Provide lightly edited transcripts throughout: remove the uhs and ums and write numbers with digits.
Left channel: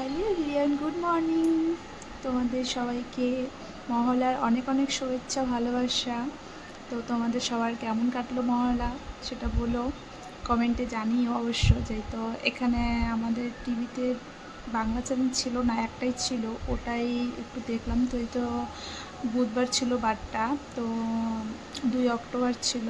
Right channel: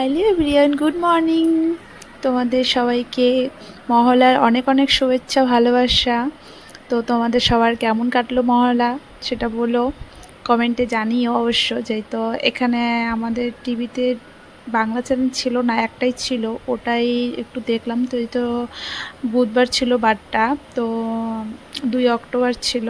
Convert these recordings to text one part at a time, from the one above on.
Hello everyone, good morning. তোমাদের সবাইকে মহলার অনেক অনেক শুভেচ্ছা, ভালোবাসা। তো তোমাদের সবার কেমন কাটলো মহলা সেটা বলো, কমেন্টে জানিও অবশ্য। যেহেতু এখানে আমাদের টিভিতে বাংলা চ্যানেল ছিল না, একটাই ছিল, ওটাই একটু দেখলাম। তো এই তো বুধবার ছিল বারটা, তো 2 অক্টোবর ছিল,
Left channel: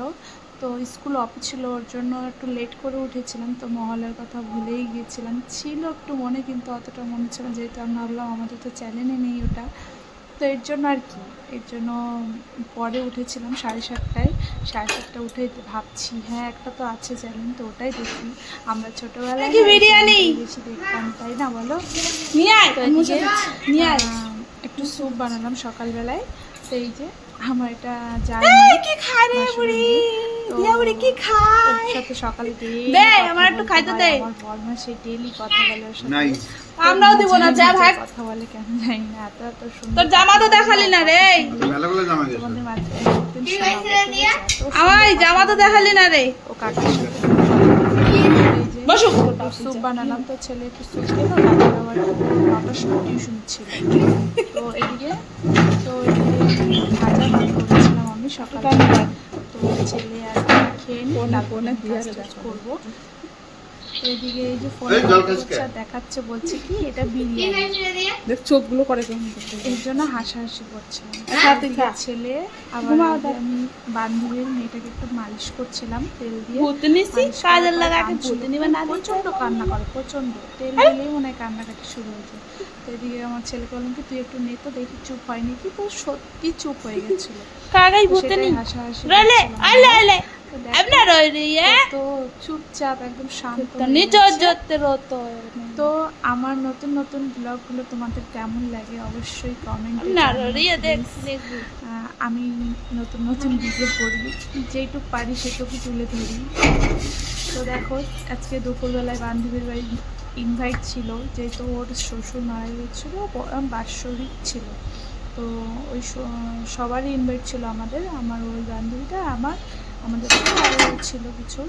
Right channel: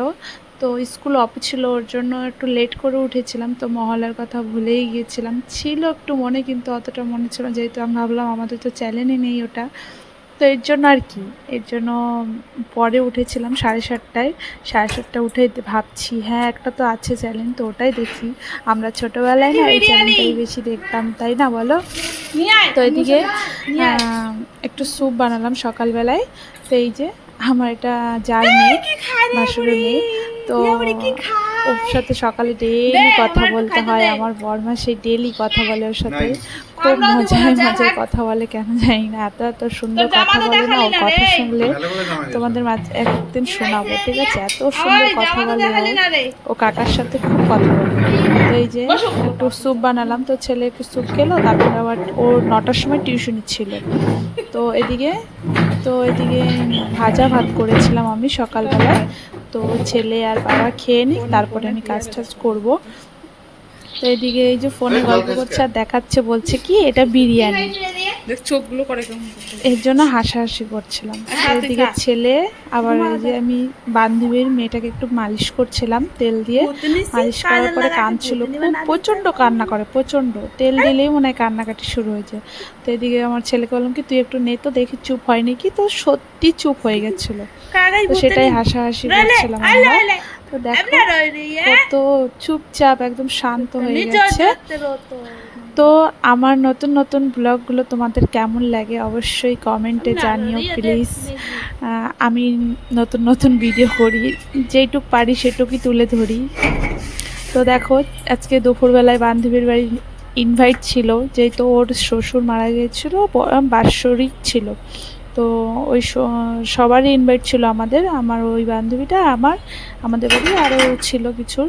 তো স্কুল অফ ছিল, ওর জন্য একটু লেট করে উঠেছিলাম। তো মহলার কথা ভুলেই গিয়েছিলাম, ছিল একটু মনে, কিন্তু অতটা মনে ছিল, যেহেতু আমি ভাবলাম আমাদের তো চ্যানেলই নেই ওটা, তো এর জন্য আর কি, এর জন্য পরে উঠেছিলাম 7:30টায়। 7:30 উঠে ভাবছি হ্যাঁ একটা তো আছে চ্যানেল, তো ওটাই দেখি। আমরা ছোটোবেলায় না এই চ্যানেলটাই বেশি দেখতাম, তাই না বলো? তো এদিকে একটু স্যুপ বানালাম সকালবেলায়। তো এই যে আমার এটা যার মেয়ে, ভাসুরের মেয়ে, তো ওর সাথে সকালে ডেলি কথা বলতে হয়। আমার বরমা সেই ডেলি কথা বলে ওর সাথে, খুব মজার কথা বলে, কেন জানি না, এত এত সুন্দর কথা বলে না। কথা শুনলে তোমাদের মাঝে একদিন শোনাবো, ঠিক আছে? এত সুন্দর কথা বলে ও কাকার সাথে খুব কথা বলে। এই যে একটু স্যুপ বানালাম, তো ছেলে একটু স্যুপ খেলো, তারপরে আবার ওর 9টার সময় টিউশনি ছিল। তো এদিকে ভাজা ভাত করেছিলাম আমি সকালবেলায়। তো ছেলে আর বাবা খেয়ে নিই, তারপরে আমি কাজ টাজ করবো। তো এদিকে এই যে ফোনে গল্প করছে আর দেখাচ্ছে, বলছে কি এটা বিরিয়ানি, চোখগুলো করে এর জন্য হাসাহাসি করছিলাম। এদিকে ছেলে আবার যে আমি বান্ধবীর মেয়েটাকে একটু মালিশ করছিলাম তেল দিয়ে, মালিশ করার পরে কাঁদছিল, প্রচণ্ড কান্না করে, প্রচণ্ড তেল দিলেই মনে হয় কান্নাকাটি শুরু হয়েছে। তো এদিকে আমার ছেলেকে বললাম কি তুই একটু নে তো দেখি চুপ হয়নি কি, তো সত্যি চুপ হয়ে গেছিলো, সেটাই হাসাহাসি করছিলাম। তো দেখো তো চুপচাপ একদম শান্ত হয়ে গেছে। তো আমার নতুন নতুন ব্লগগুলো তোমাদের কেমন লাগে অবশ্যই কমেন্টে জানিও প্লিজ। আমি নতুন নতুন ভিডিও করি, যেইটুক পারি সেটুকুই তুলে ধরি। তো দেখো আজকে দুপুরবেলায় বান্ধবীর বাড়ি ইনভাইট ছিল, যেহেতু ওর শ্বশুর মারা গিয়েছিলো, বাৎসরিক ছিল। তো ওই সবারই ইনভাইট ছিল আমাদের, আমার ওই বান্ধবীটা, আমাদের বাড়ি আরও ছিল কিছু।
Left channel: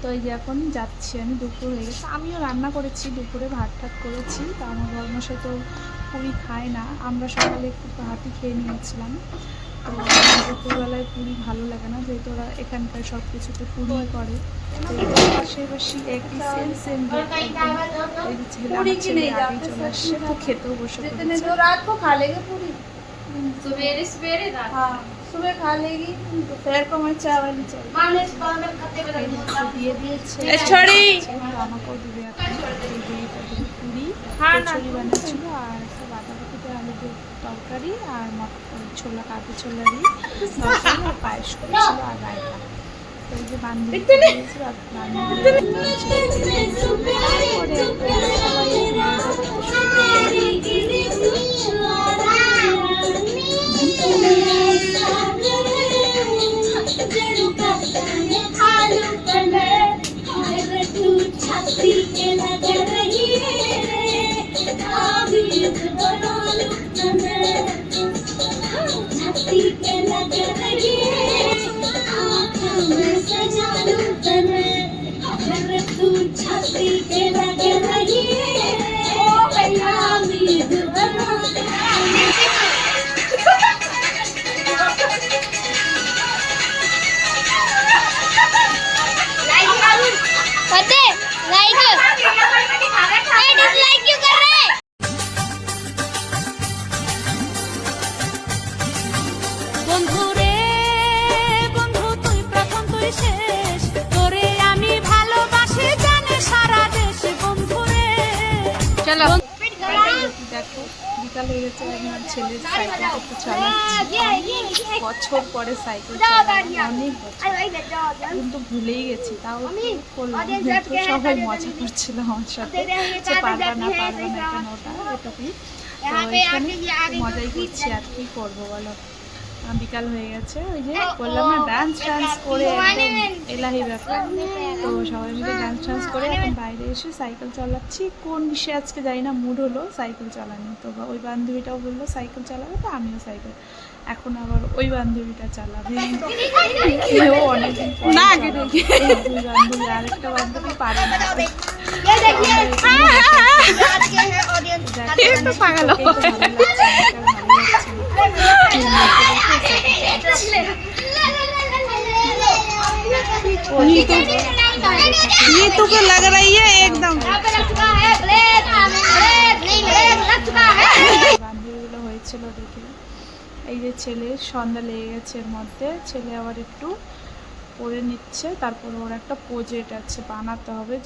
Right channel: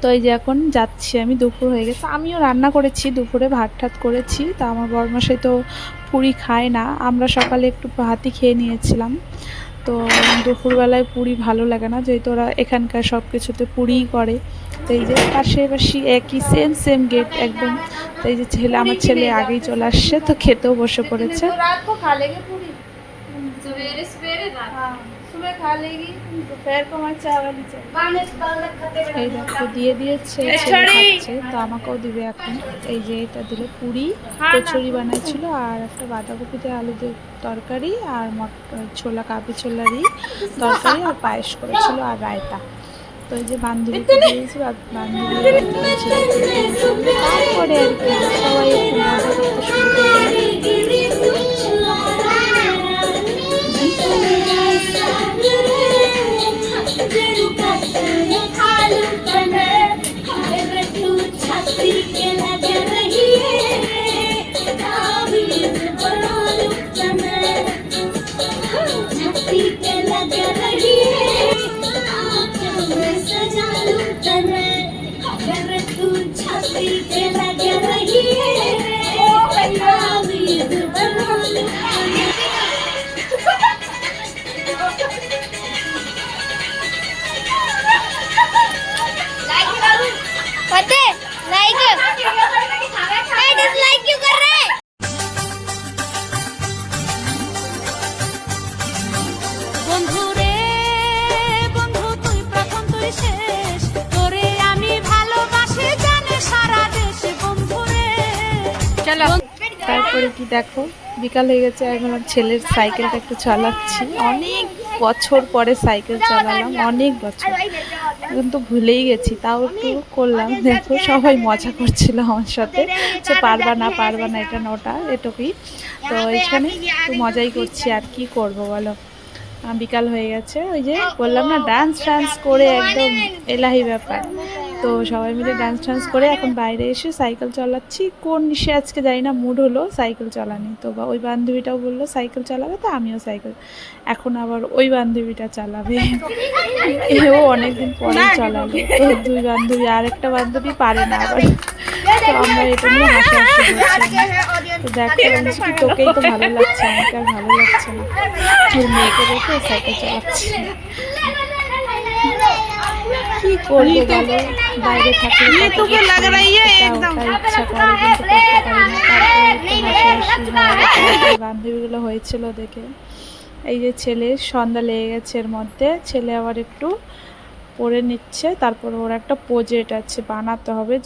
তো এই যে এখন যাচ্ছি আমি, দুপুর হয়ে গেছে, আমিও রান্না করেছি, দুপুরে ভাত ঠাত করেছি। তা আমার বরমশাই তো পুরি খায় না, আমরা সকালে একটু ভাতই খেয়ে নিয়েছিলাম। তো দুপুরবেলায় পুরি ভালো লাগে না, যেহেতু ওরা এখানকার সব কিছুতে পুরিই করে। তো এই যে পাশাপাশি একই সেম সেম গেট একদম। তো এই যে আমার ছেলে আগেই চলে আসছে, তো খেতেও বসে পড়েছে। सुबह खा लेगी दोपहर को मैं चावल ही चाहिए। এই দেখো দিয়ে দিয়েছে, তো আমাকেও দিবে এখন। এই যে এটা দিল পুরি, কচুরি বানাচ্ছিল, আর একটা বাঁধাকপিতে আলু দিয়ে তরকারি, আর ছোলা, কাবলি ছোলারই তরকারি, আর পায়েস করেছিল, আর রায়তা। তো এই যে বান্ধবীকে দিয়েছিল, আর বান্ধবী তারপরে আর কি সবাই একটু মজা করতে শুরু করে। বন্ধুরে বন্ধু তুই প্রথম তুই শেষ, তোরে আমি ভালোবাসি জানে সারা দেশ। বন্ধুরে চলো। তারপরে কি দেখো বিকাল হয়ে গেছে, এখন আমার ছেলের সাইকেলটা একটু চালাচ্ছি। অনেক বছর পরে সাইকেল চালালাম, অনেক বছর, কিন্তু ভুলেই গেছি, তাও একটু করলাম। দেখো সবাই মজা করছিল আমার সাথে, যে পারবা না এখানে ওটা এটুকুই। তো এখানে একটু মজাই করছি, আর কি করব বলো। বিকাল হয়ে গেছে, ওই যে বললাম না ডান্স করে একদম এলাহি ব্যাপার। তো সবাই মিলে ডান্স করে এখন বাইরে এসে সাইকেল চালাচ্ছি। কোন সে আজকে যাই না মুড হলো সাইকেল চালানো, তো ওই বান্ধবীটাও বললো সাইকেল চালাবে, তো আমিও সাইকেল, এখন আবার ওই বান্ধবীটা চালাবে, এও অনেকদিন পরে চালাবে। দুই বান্ধবী, আর একটা বান্ধবী পারে না আবার। তো আমরা এখানে হাসাহাসি করছি। তোকেই তো ভালো লাগছে, আমাকে আর ভালো লাগছে না। তোর মেয়েকে দেখে সাইকেল চালাচ্ছি। কি করবো বলো, বাইরে থাকলে ये तो को लग रही है एकदम। ইচ্ছা করে কিন্তু করতে পারি না। তারপরে বান্ধবীগুলো হয়েছিল দেখে। এই যে ছেলে সন্ধ্যা লেগে গেছে, এর মধ্যে ছেলে আবার একটু পড়ে নিচ্ছে। তারপর ওর একটা প্রজেক্ট আছে বানাতে হবে,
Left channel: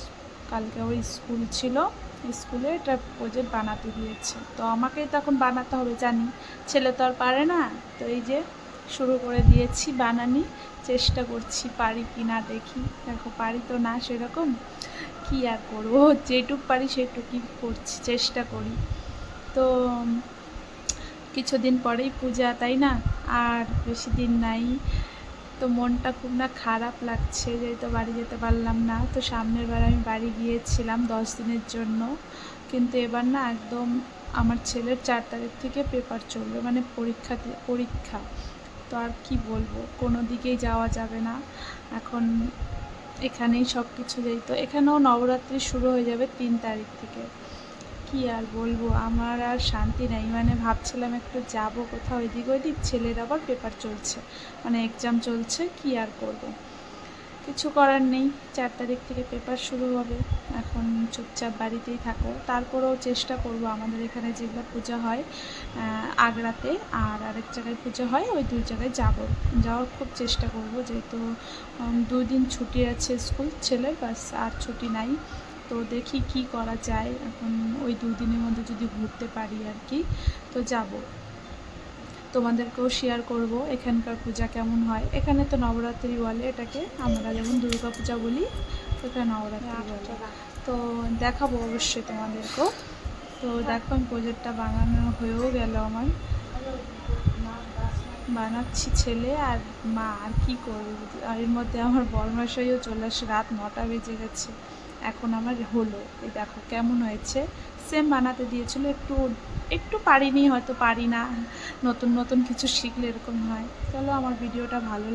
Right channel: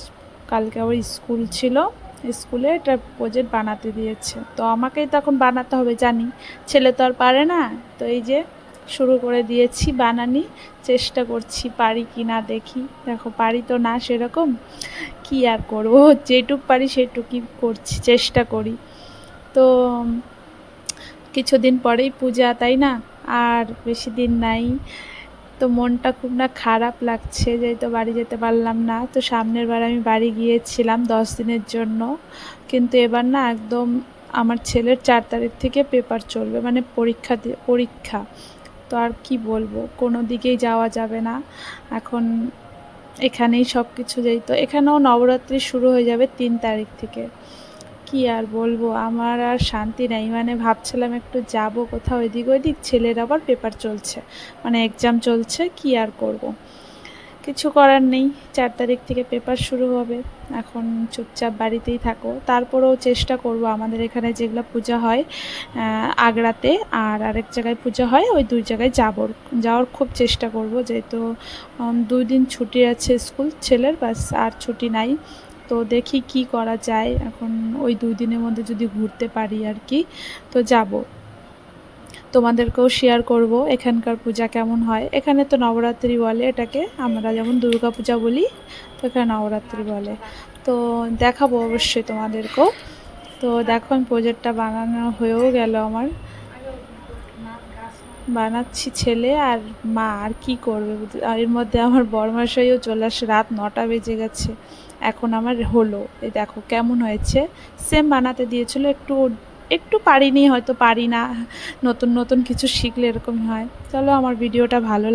কালকে ওর স্কুল ছিল, স্কুলে এটা প্রজেক্ট বানাতে দিয়েছে। তো আমাকেই তখন বানাতে হবে জানি, ছেলে তো আর পারে না। তো এই যে শুরু করে দিয়েছি বানানি, চেষ্টা করছি পারি কি না দেখি। দেখো পারি তো না সেরকম, কি আর করবো, যেটুক পারি সেটুকুই করছি, চেষ্টা করি। তো কিছুদিন পরেই পূজা, তাই না? আর বেশি দিন নাই। তো মনটা খুব না খারাপ লাগছে, যেহেতু বাড়ি যেতে পারলাম না। তো সামনের বার আমি বাড়ি গিয়েছিলাম 10 দিনের জন্য, কিন্তু এবার না একদম আমার ছেলের 4 তারিখ থেকে পেপার চলবে, মানে পরীক্ষা। তো আর কি বলবো, কোনো দিকেই যাওয়া যাবে না এখন। এখানেই সব কিছু, যেহেতু এখানেও নবরাত্রি শুরু হয়ে যাবে 3 তারিখ থেকে। কি আর বলবো, আমার আর শান্তি নেই। মানে ভাবছিলাম একটু যাব কোথাও এদিক ওদিক, ছেলের আবার পেপার চলছে, মানে এক্সাম চলছে, কি আর করব, কিছু করার নেই। 4 তারিখ থেকে পেপার শুরু হবে, এখন চুপচাপ বাড়িতেই থাকো। তারপরেও চেষ্টা করব, আমাদের এখানে যেগুলো পূজা হয় আগ্রাতে আর আরেক জায়গায় পূজা হয়, ওই 2 জায়গায় যাওয়ার খুব চেষ্টা করব। যেহেতু 2 দিন ছুটি আছে স্কুল ছেলের, ব্যাস আর ছুটি নাই। তো দেখি কি করা যায় এখন, ওই 2 দিনের মধ্যে যদি ঘুরতে পারি আর কি, তো যাব। তোমাদেরকেও শেয়ার করব এখানকার পূজা কেমন হয়। এখানে তো নবরাত্রি বলে এটাকে, আমরা যেমন দুর্গা পূজা বলি, তো এখানে নবরাত্রি বলে। তো দেখাবো অবশ্যই তোমাদেরকেও। তো দেখো আমি প্রজেক্টটা বানানো হয়েও গেল আমার, বানাচ্ছি ছেলে আর মা, আর কি করবে। আর এর মধ্যে আমার বরমশাইও চলে আসে, রাত 9টা বেজে গেছে, এখন আমার হলো। এই দেখো কেমন হয়েছে, সেম বানাতে দিয়েছিল, একটু একটু পারিনি, হয়তো পারি না, নতুন নতুন কিছু শিখলে এরকম হয়। চলো, আমার ভিডিওটা ভালো